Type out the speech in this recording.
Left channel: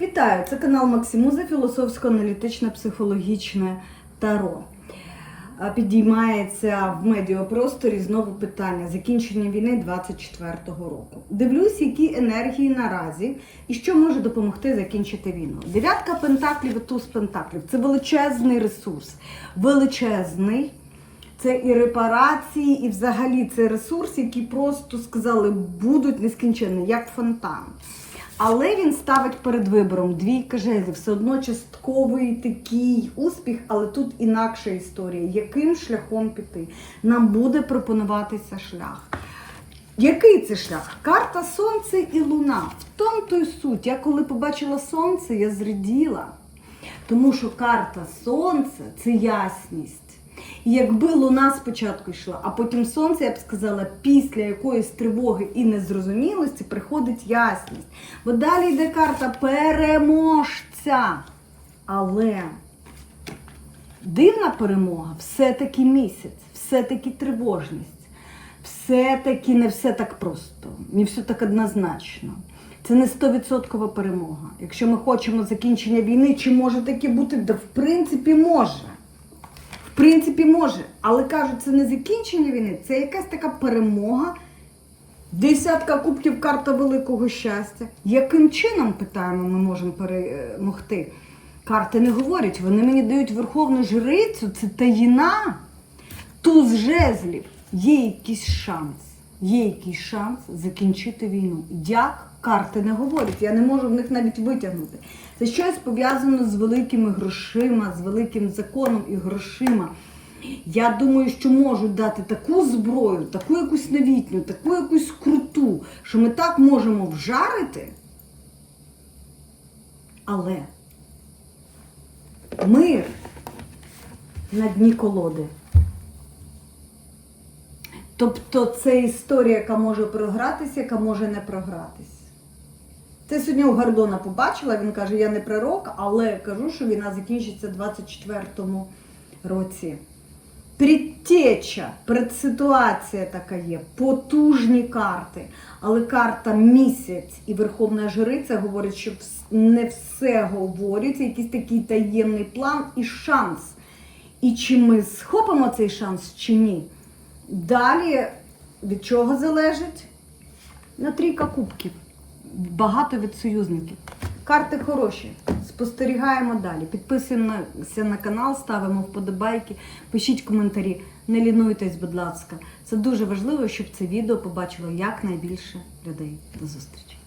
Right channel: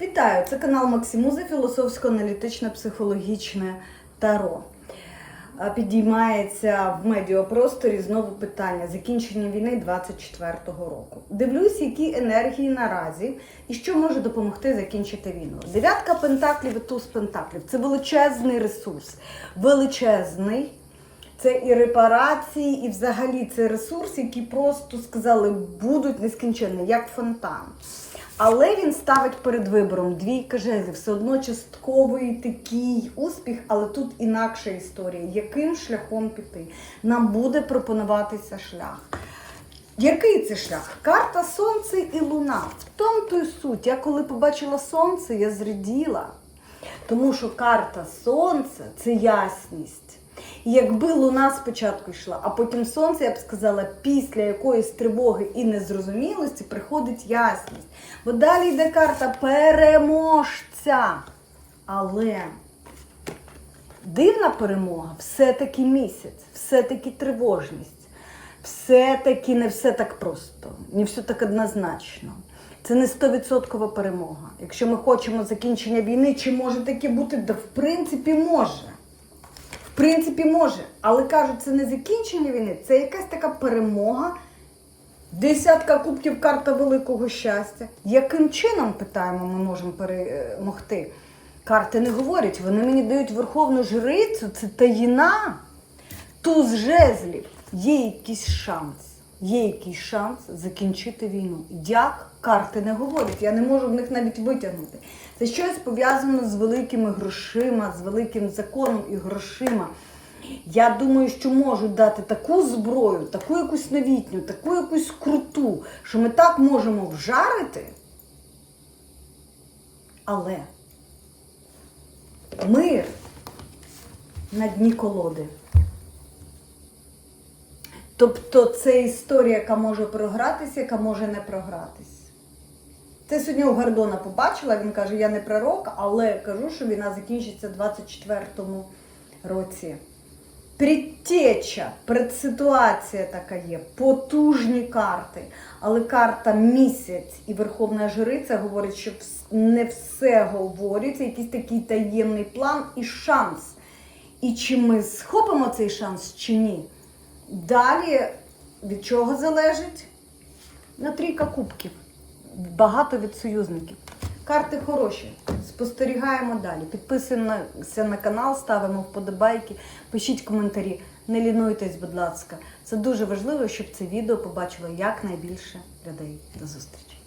Вітаю! Це канал Максимуза, філософсько-аналітичне психологічне таро. Підіймається в медіапросторі знову питання закінчення війни 24-го року. Дивлюсь, які енергії наразі і що може допомогти закінчити війну. Дев'ятка пентаклів і туз пентаклів це величезний ресурс, величезний. Це і репарації, і взагалі це ресурс, які просто сказали будуть нескінченні, як фонтан. Але він ставить перед вибором двійка жезлів, все одно частковий такий успіх, але тут інакша історія. Яким шляхом піти? Нам буде пропонуватися шлях. Який це шлях? Карта Сонце і Луна. В тому то й суть. Я коли побачила сонце, я зраділа. Тому що карта Сонце це ясність. Якби луна спочатку йшла, а потім сонце, я б сказала, після якоїсь тривоги і незрозумілості приходить ясність. Бо далі йде карта переможця. Але дивна перемога все-таки місяць, все-таки тривожність, все-таки не все так просто, не все так однозначно. Це не 100% перемога. Якщо ми хочемо закінчення війни, чи може таке бути? Да, в принципі, може. В принципі, може. Але кажуть, це не закінчення війни, це якась така перемога. Десятка кубків карта великого щастя. Яким чином, питаємо, ми можемо перемогти? Карти не говорять, вони мені дають верховну жрицю, це таїна. Туз жезлів. Є якийсь шанс. Є якийсь шанс закінчити війну. Як карти не говорять, я не можу в них навіть витягнути. Це щось пов'язано з великими грошима, з великим законом і грошима. Я думаю, що можуть дати таку зброю, таку якусь новітню, таку якусь круту, що ми так можемо вжарити. Але мир на дні колоди. Тобто це історія, яка може програтися, яка може не програтись. Це сьогодні у Гордона побачила, він каже, я не пророк, але кажу, що війна закінчиться в 24-му році. Предтеча, предситуація така є, потужні карти. Але карта місяць і Верховна Жриця говорить, що не все говориться, якийсь такий таємний план і шанс. І чи ми схопимо цей шанс, чи ні? Далі від чого залежить? На трійка кубків. Багато від союзників. Карти хороші. Спостерігаємо далі. Підписуємося на канал, ставимо вподобайки, пишіть коментарі. Не лінуйтесь, будь ласка. Це дуже важливо, щоб це відео побачило якнайбільше людей. До зустрічі!